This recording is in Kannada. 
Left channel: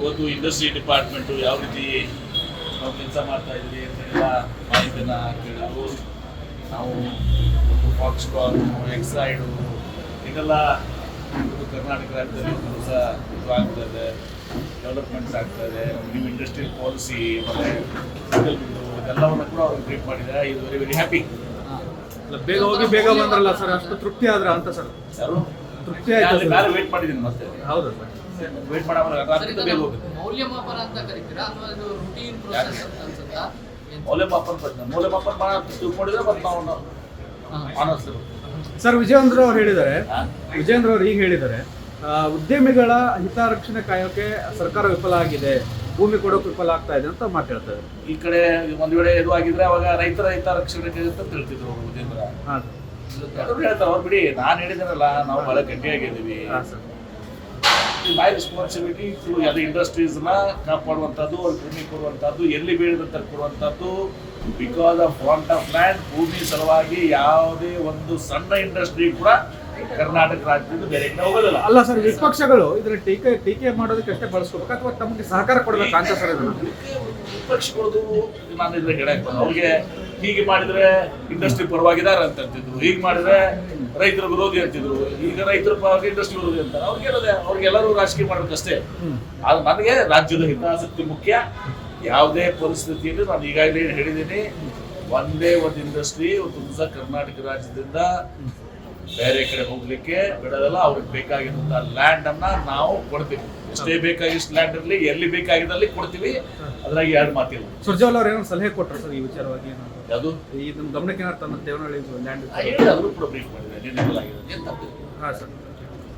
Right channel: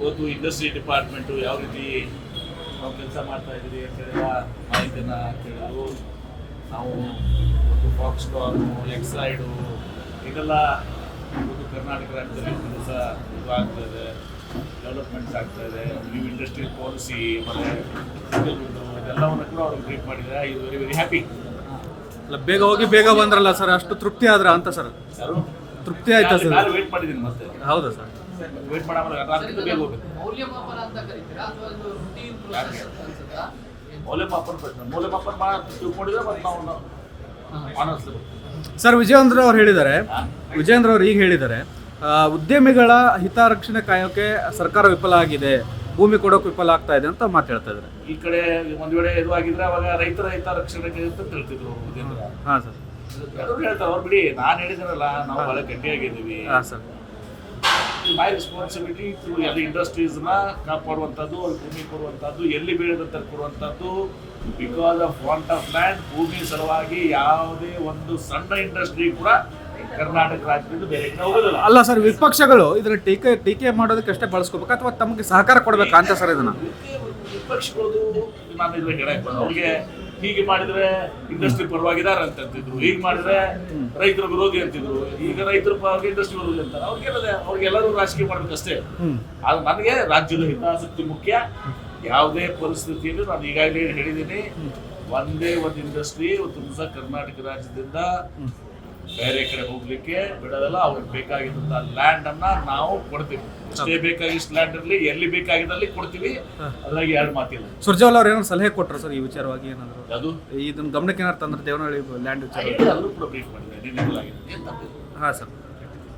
ಇವತ್ತು ಇಂಡಸ್ಟ್ರಿ ಡಿಪಾರ್ಟ್ಮೆಂಟು ಯಾವ ರೀತಿ ನಾವು ಕೆಲಸ ಮಾಡ್ತಾ ಇದ್ದೀರಿ ಅಂತೆಲ್ಲ ಮಾಹಿತಿಯನ್ನು ಕೇಳಿದ್ರು. ನಾವು ಒಂದು ಫಾಕ್ಸ್ಕಾನು, ಎಕ್ಸೈಡು ಹೀಗೆಲ್ಲ ಇವತ್ತು ಕರ್ನಾಟಕ ರಾಜ್ಯದಲ್ಲಿ ಕೆಲಸ ಇದು ಆಗ್ತಾ ಇದೆ, ಡೆವಲಪ್ಮೆಂಟ್ಸ್ ಆಗ್ತಾ ಇದೆ. ನಮ್ಮ ನ್ಯೂ ಇಂಡಸ್ಟ್ರಿಯಲ್ ಪಾಲಿಸಿ ಮತ್ತು ಸಿಂಗಲ್ವುಡ್ಡು ಇದೆಲ್ಲವನ್ನು ಕೂಡ ಅವ್ರಿಗೆ ಬ್ರೀಫ್ ಮಾಡಿದ್ದಾರೆ. ಇದು ವೆರಿ ವೆರಿ ಹ್ಯಾಪಿ. ಬೇಗ ಹೋಗಿ ಬೇಗ ಬಂದ್ರಲ್ಲ ಸರ್, ಅಷ್ಟು ತೃಪ್ತಿ ಆದ್ರ ಅಂತ ಸರ್? ಸರ್ ತೃಪ್ತಿ ಆಯ್ತಾ ಸರ್? ನಾನು ವೇಟ್ ಮಾಡಿದ್ದೀನಿ ಮತ್ತೆ. ಹೌದಾ ಸರ್? ವೇಟ್ ಮಾಡಾமல் ಅದಕ್ಕಿಂತ ಬೇಗ ಹೋಗುತ್ತೆ. ಮೌಲ್ಯಮಾಪನ ಅಂತ ಕರೀತೀರಾ ಅಥವಾ ಇದು ರೂಟೀನ್ ಪ್ರೋಸೆಸ್ ಅಂತ ಅನ್ಸುತ್ತಾ? ಮೌಲ್ಯಮಾಪನ ಮಾಡಿ ತಿಳ್ಕೊಂಡಿದ್ರೆ ಮತ್ತೆ ನಾವು ಆನರ್ಸ್ಲಿ ಸರ್, ವಿಜಯೇಂದ್ರ ಅವ್ರು ಹೇಳಿದ್ದಾರೆ, ವಿಜಯೇಂದ್ರ ಅವ್ರು ಈಗ ಹೇಳಿದ್ದಾರೆ, ಉದ್ಯಮಿಗಳ ಹಿತರಕ್ಷಣೆ ಕಾಯೋಕೆ ಸರ್ಕಾರ ವಿಫಲ ಆಗಿದೆ, ಭೂಮಿ ಕೊಡೋಕೆ ವಿಫಲ ಆಗ್ತಾ ಇದೆ ಅಂತ ಮಾತಾಡ್ತಾ ಇದ್ದಾರೆ. ಈ ಕಡೆ ಒಂದು ವೇಳೆ ಇದು ಆಗಿದ್ರೆ ಅವಾಗ ರೈತರ ಹಿತರಕ್ಷಣೆ ಅಂತ ತಿಳ್ತಿದ್ರು ಅವರು ವಿಜೇಂದ್ರ. ಹಾಂ ಸರ್. ಅವರು ಹೇಳ್ತಾರೆ, ಅವ್ರು ಬಿಡಿ, ನಾನು ಹೇಳಿದಾರಲ್ಲ ನಾವು ಬಹಳ ಗಟ್ಟಿಯಾಗಿದ್ದೀವಿ. ಹಾಂ ಸರ್. ಮೈ ರೆಸ್ಪಾನ್ಸಿಬಿಲಿಟಿ ಟು ಎಲ್ಲ ಇಂಡಸ್ಟ್ರೀಸ್ನ ಕಾಪಾಡುವಂಥದ್ದು, ಅವ್ರಿಗೆ ಭೂಮಿ ಕೊಡುವಂಥದ್ದು, ಎಲ್ಲಿ ಬೇಡದಂತ ಕೊಡುವಂಥದ್ದು. Because of want of land, ಭೂಮಿ ಸಲುವಾಗಿ ಯಾವುದೇ ಒಂದು ಸಣ್ಣ ಇಂಡಸ್ಟ್ರಿ ಕೂಡ ಕರ್ನಾಟಕ ರಾಜ್ಯದಿಂದ ಬೇರೆ ಕಡೆ ಹೋಗೋದಿಲ್ಲ. ಅಲ್ಲ ಸರ್, ವಿಪಕ್ಷಗಳು ಇದನ್ನ ಟೀಕೆ ಮಾಡೋದಕ್ಕೆ ಅಷ್ಟೇ ಬಳಸ್ಕೋಬೇಕು ಅಥವಾ ತಮಗೆ ಸಹಕಾರ ಕೊಡಬೇಕಾ ಅಂತ ಸರ್? ಇದನ್ನು ವಿಪಕ್ಷಗಳದು ನಾನು ಇದ್ರೆ ಹೇಳಕ್ ಬಂದ, ಅವ್ರಿಗೆ ಹೀಗೆ ಮಾಡಿದ್ರೆ ಇಂಡಸ್ಟ್ರಿ ಪರವಾಗಿದ್ದಾರೆ ಅಂತ ಅಂತಿದ್ರು, ಹೀಗೆ ಮಾಡಿದ್ರೆ ರೈತರ ವಿರೋಧಿ ಅಂತಿದ್ರು, ಈಗ ರೈತರ ಪರವಾಗಿ ಇಂಡಸ್ಟ್ರಿ ವಿರೋಧಿ ಅಂತಾರೆ. ಅವ್ರಿಗೆಲ್ಲರೂ ರಾಜಕೀಯ ಮಾಡ್ಬೇಕಷ್ಟೇ. ಆದ್ರೆ ನನಗೆ ರಾಜ್ಯದ ಹಿತಾಸಕ್ತಿ ಮುಖ್ಯ. ಯಾವುದೇ ಪರಿಸ್ಥಿತಿಯಲ್ಲಿ ನಾನು ಈಗಾಗಲೇ ಹೇಳಿದ್ದೀನಿ, ಒಂದೇ ಒಂದು ಇಂಡಸ್ಟ್ರಿ ಇವತ್ತು ಕರ್ನಾಟಕ ರಾಜ್ಯದಿಂದ ಬೇರೆ ಕಡೆ ಹೋಗ್ಲಿಕ್ಕೆ ಬಿಡೋದಲ್ಲ. ಅವ್ರಿಗೆ ಬೇಕಾಗಿದ್ದಂಥ ಲ್ಯಾಂಡ್ ಅನ್ನ ನಾವು ಕೊಡ್ತೀವಿ. ಎಷ್ಟೇ ಬೇಕಾಗಿಷ್ಟು ಲ್ಯಾಂಡ್ ಇರಲಿ, ಎಲ್ಲಿ ಬೇಕಾಗಿದ್ದಲ್ಲಿ ಕೊಡ್ತೀವಿ. ಅದ್ರಾಗ ಎರಡು ಮಾತಿಲ್ಲ. ಸುರ್ಜೇವಾಲ ಅವ್ರು ಏನೋ ಸಲಹೆ ಕೊಟ್ಟರು ಸರ್ ಈ ವಿಚಾರವಾಗಿ? ಏನಾದ್ರು ಯಾವುದು ಇದನ್ನ ಗಮನಕ್ಕೆ ಏನಾರು ತಂದ್ರೆ ದೇವನಹಳ್ಳಿ ಲ್ಯಾಂಡ್ ಹೇಳಿ, ಅದನ್ನು ಕೂಡ ಬ್ರೀಫ್ ಮಾಡಿದೆ. ಏನ್ ತಪ್ಪಿದೆ? ಹಾಂ ಸರ್.